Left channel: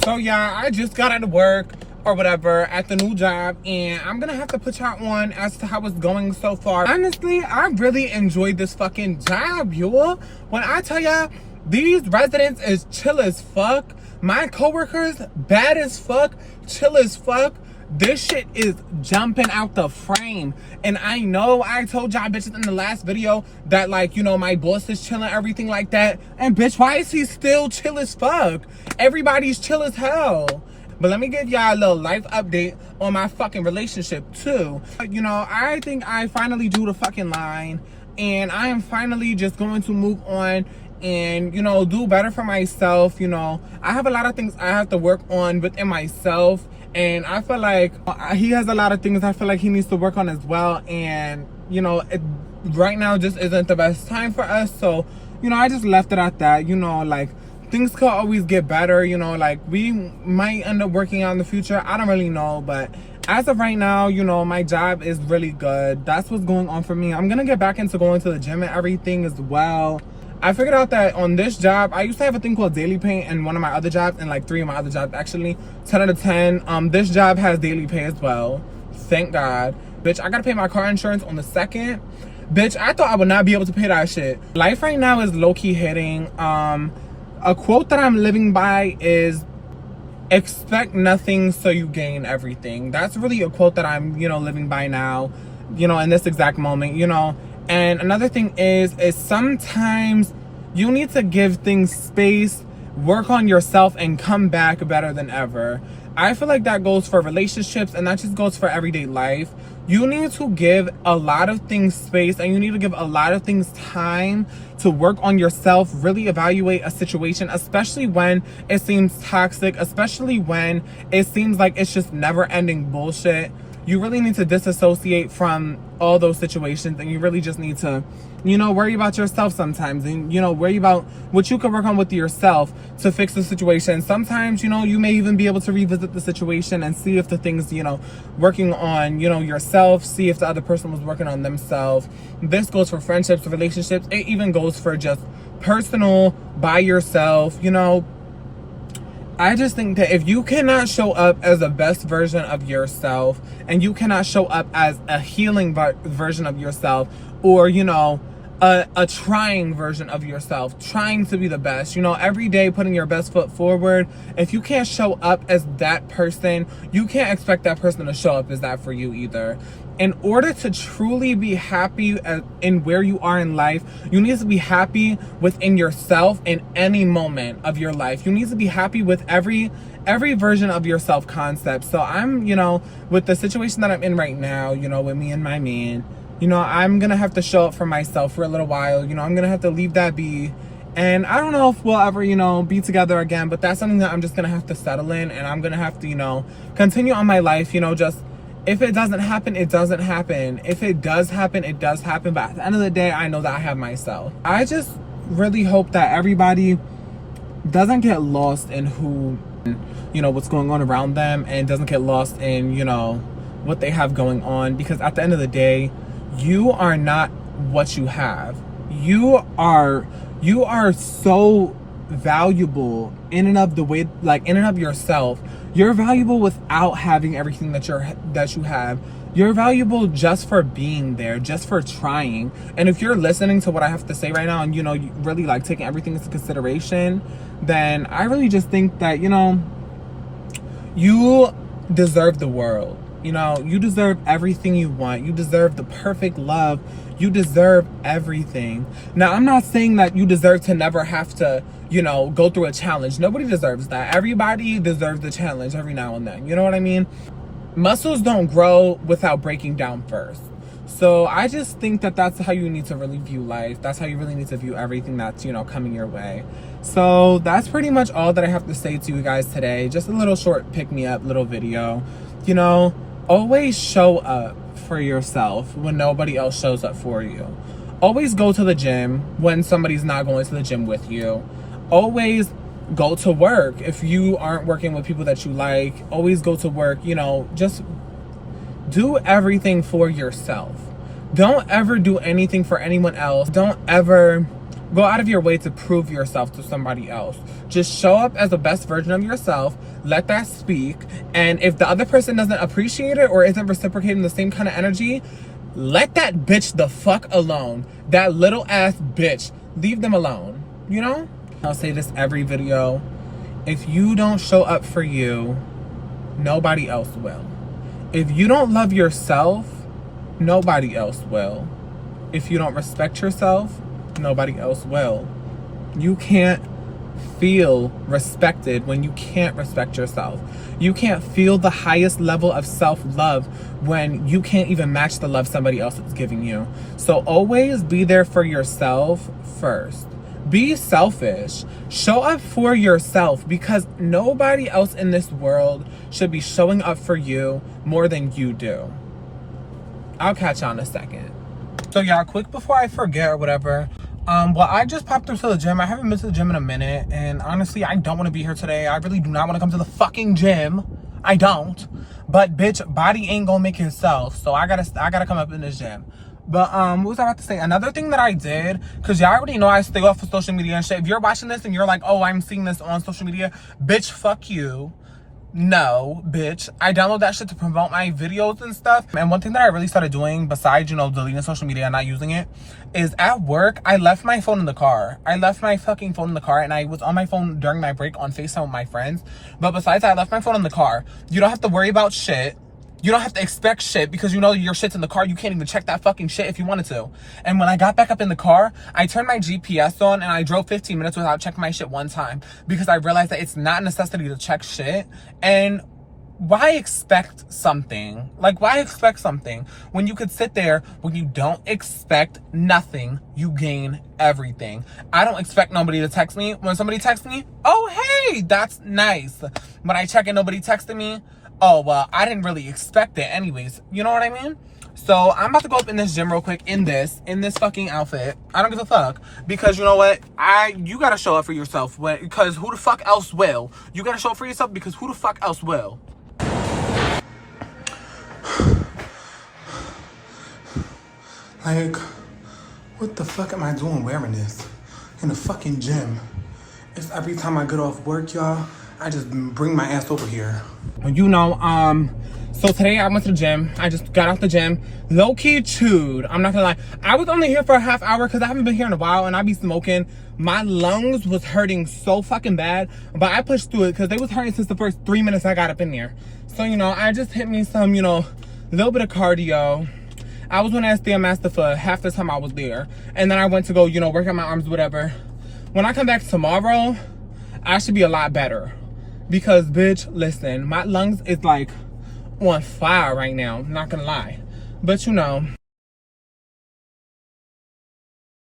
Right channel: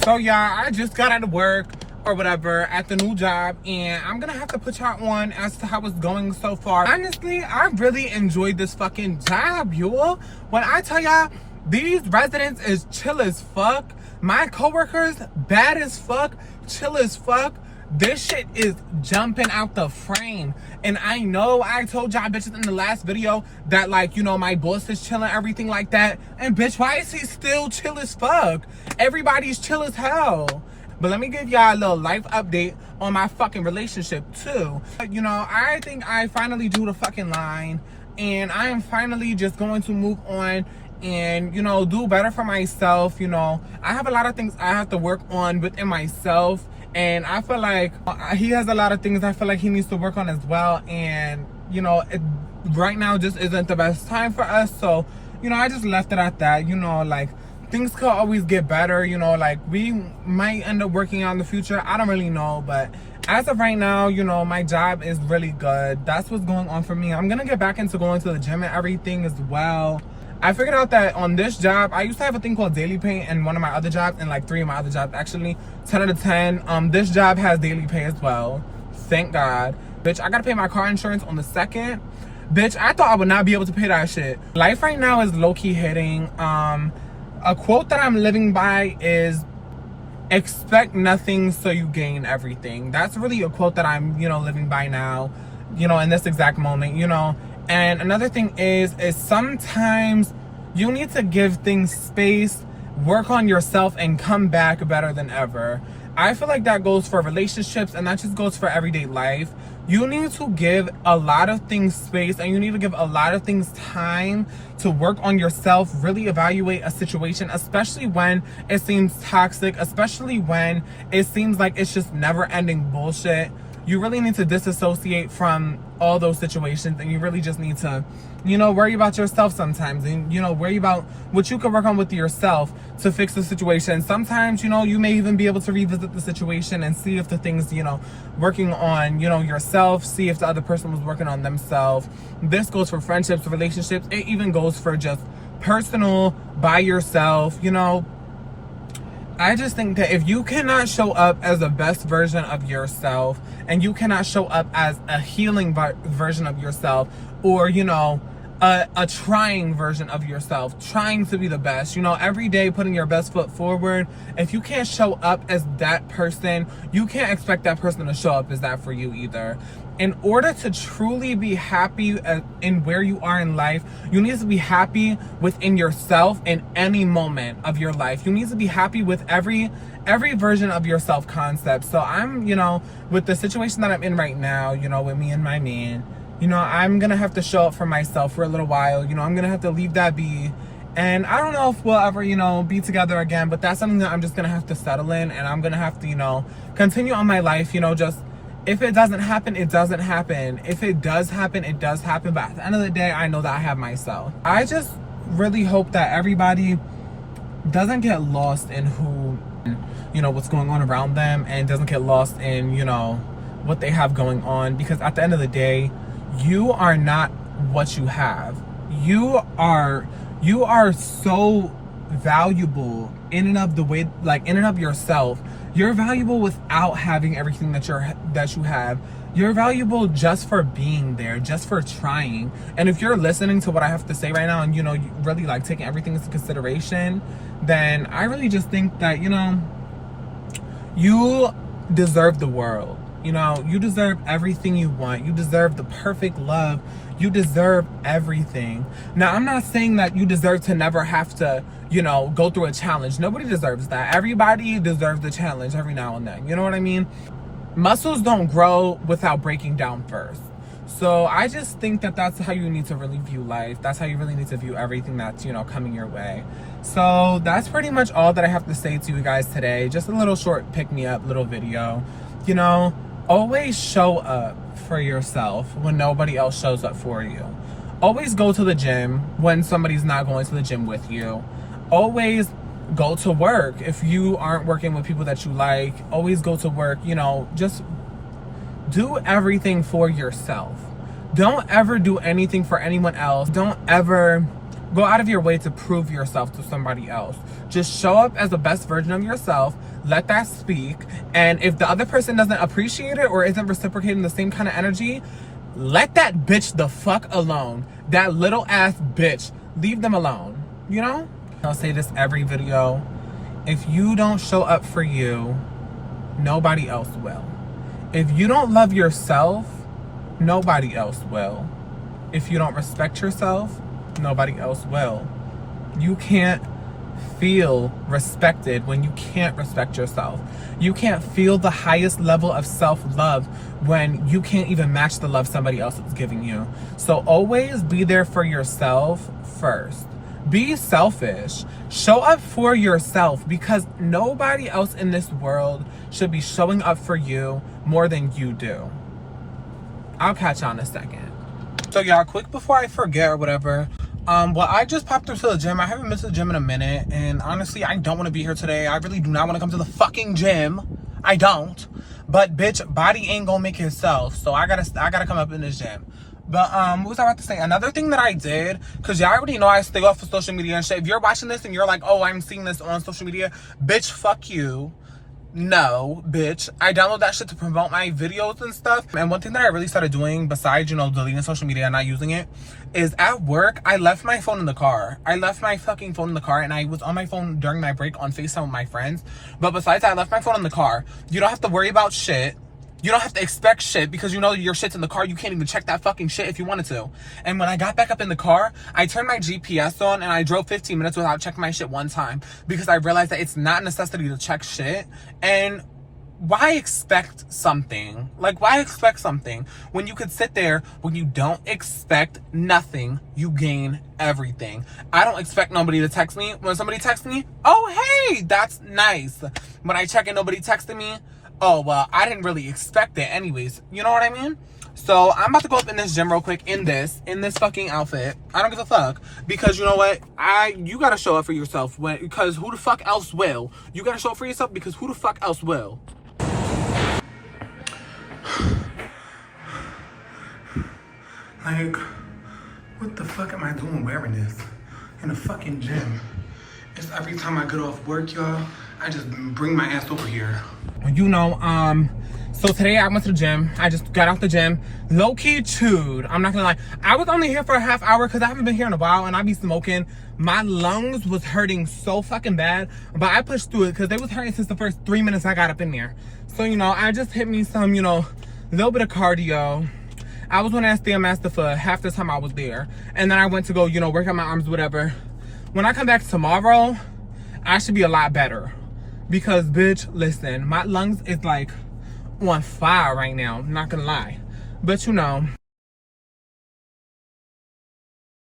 So yeah, I just got out of work or whatever at the new job, and I'm gonna have to put y'all on as to how it's going so far. Honestly, I really enjoyed this fucking job, y'all. When I tell y'all, these residents is chill as fuck. My coworkers, bad as fuck, chill as fuck. This shit is jumping out the frame. And I know I told y'all bitches in the last video that, like, you know, my boss is chilling, everything like that. And bitch, why is he still chill as fuck? Everybody's chill as hell. But let me give y'all a little life update on my fucking relationship too. You know, I think I finally drew the fucking line, and I am finally just going to move on and, you know, do better for myself. You know, I have a lot of things I have to work on within myself, and I feel like he has a lot of things I feel like he needs to work on as well. And, you know, right now just isn't the best time for us. So, you know, I just left it at that. You know, like, things could always get better. You know, like, we might end up working out in the future. I don't really know. But as of right now, you know, my job is really good. That's what's going on for me. I'm going to get back into going to the gym and everything as well. I figured out that on this job, I used to have a thing called daily pay in one of my other jobs, and like 3 of my other jobs actually. 10 out of 10. This job has daily pay as well. Thank God. Bitch, I gotta pay my car insurance on the 2nd. Bitch, I thought I would not be able to pay that shit. Life right now is low-key hitting. A quote that I'm living by is, expect nothing so you gain everything. That's really a quote that I'm, you know, living by now, you know, in this exact moment, you know. And another thing is sometimes you need to give things space, work on yourself, and come back better than ever. I feel like that goes for relationships, and that just goes for everyday life. You need to give a lot of things space, and you need to give a lot of things time to work on yourself, really evaluate a situation, especially when it seems toxic, especially when it seems like it's just never-ending bullshit. You really need to disassociate from all those situations, and you really just need to, you know, worry about yourself sometimes, and, you know, worry about what you can work on with yourself to fix the situation. Sometimes, you know, you may even be able to revisit the situation and see if the things, you know, working on, you know, yourself, see if the other person was working on themselves. This goes for friendships, relationships. It even goes for just personal, by yourself, you know. I just think that if you cannot show up as the best version of yourself, and you cannot show up as a healing version of yourself, or, you know, a trying version of yourself, trying to be the best, you know, every day putting your best foot forward, if you can't show up as that person, you can't expect that person to show up as that for you either. In order to truly be happy in where you are in life, you need to be happy within yourself in any moment of your life. You need to be happy with every version of your self concept. So I'm, you know, with the situation that I'm in right now, you know, with me and my man, you know, I'm gonna have to show up for myself for a little while. You know, I'm gonna have to leave that be. And I don't know if we'll ever, you know, be together again, but that's something that I'm just gonna have to settle in, and I'm gonna have to, you know, continue on my life, you know, just, if it doesn't happen, it doesn't happen. If it does happen, it does happen. But at the end of the day, I know that I have myself. I just really hope that everybody doesn't get lost in who, you know, what's going on around them, and doesn't get lost in, you know, what they have going on. Because at the end of the day, you are not what you have. You are so valuable in and of the way, like, in and of yourself. You're valuable without having everything that you have. You're valuable just for being there, just for trying. And if you're listening to what I have to say right now, and, you know, really, like, taking everything into consideration, then I really just think that, you know, you deserve the world. You know, you deserve everything you want. You deserve the perfect love. You deserve everything. Now, I'm not saying that you deserve to never have to, you know, go through a challenge. Nobody deserves that. Everybody deserves the challenge every now and then. You know what I mean? Muscles don't grow without breaking down first. So I just think that that's how you need to really view life. That's how you really need to view everything that's, you know, coming your way. So that's pretty much all that I have to say to you guys today. Just a little short pick-me-up little video. You know, always show up for yourself when nobody else shows up for you. Always go to the gym when somebody's not going to the gym with you. Always go to work if you aren't working with people that you like. Always go to work. You know, just do everything for yourself. Don't ever do anything for anyone else. Don't ever go out of your way to prove yourself to somebody else. Just show up as the best version of yourself. Let that speak. And if the other person doesn't appreciate it or isn't reciprocating the same kind of energy, let that bitch the fuck alone. That little ass bitch. Leave them alone. You know? I'll say this every video. If you don't show up for you, nobody else will. If you don't love yourself, nobody else will. If you don't respect yourself, nobody else will. You can't feel respected when you can't respect yourself. You can't feel the highest level of self-love when you can't even match the love somebody else is giving you. So always be there for yourself first. Be selfish. Show up for yourself, because nobody else in this world should be showing up for you more than you do. I'll catch y'all in a second. So y'all, quick before I forget or whatever, well, I just popped up to the gym. I haven't been to the gym in a minute, and honestly, I don't want to be here today. I really do not want to come to the fucking gym. I don't. But bitch, body ain't gonna make itself, so I gotta come up in this gym. But what was I about to say? Another thing that I did, because y'all already know I stay off of social media and shit. If you're watching this and you're like, oh, I'm seeing this on social media, bitch, fuck you. No, bitch. I download that shit to promote my videos and stuff. And one thing that I really started doing, besides, you know, deleting social media and not using it, is at work, I left my phone in the car. I left my fucking phone in the car, and I was on my phone during my break on FaceTime with my friends. But besides that, I left my phone in the car. You don't have to worry about shit. You don't have to expect shit, because you know your shit's in the car. You can't even check that fucking shit if you wanted to. And when I got back up in the car, I turned my GPS on and I drove 15 minutes without checking my shit one time, because I realized that it's not a necessity to check shit. And why expect something? Like, why expect something when you could sit there? When you don't expect nothing, you gain everything. I don't expect nobody to text me. When somebody texts me, oh, hey, that's nice. When I check and nobody texted me, oh, well, I didn't really expect it anyways. You know what I mean? So I'm about to go up in this gym real quick in this fucking outfit. I don't give a fuck, because you know what? You gotta show up for yourself, because who the fuck else will? You gotta show up for yourself, because who the fuck else will? Like, what the fuck am I doing wearing this in the fucking gym? It's every time I get off work, y'all, I just bring my ass over here. You know, so today I went to the gym. I just got out the gym, low-key chewed. I'm not gonna lie. I was only here for a half hour because I haven't been here in a while, and I be smoking. My lungs was hurting so fucking bad, but I pushed through it because they was hurting since the first 3 minutes I got up in there. So, you know, I just hit me some, you know, little bit of cardio. I was on that Stairmaster for half the time I was there. And then I went to go, you know, work out my arms, whatever. When I come back tomorrow, I should be a lot better. Because, bitch, listen, my lungs is like on fire right now, not gonna lie. But, you know,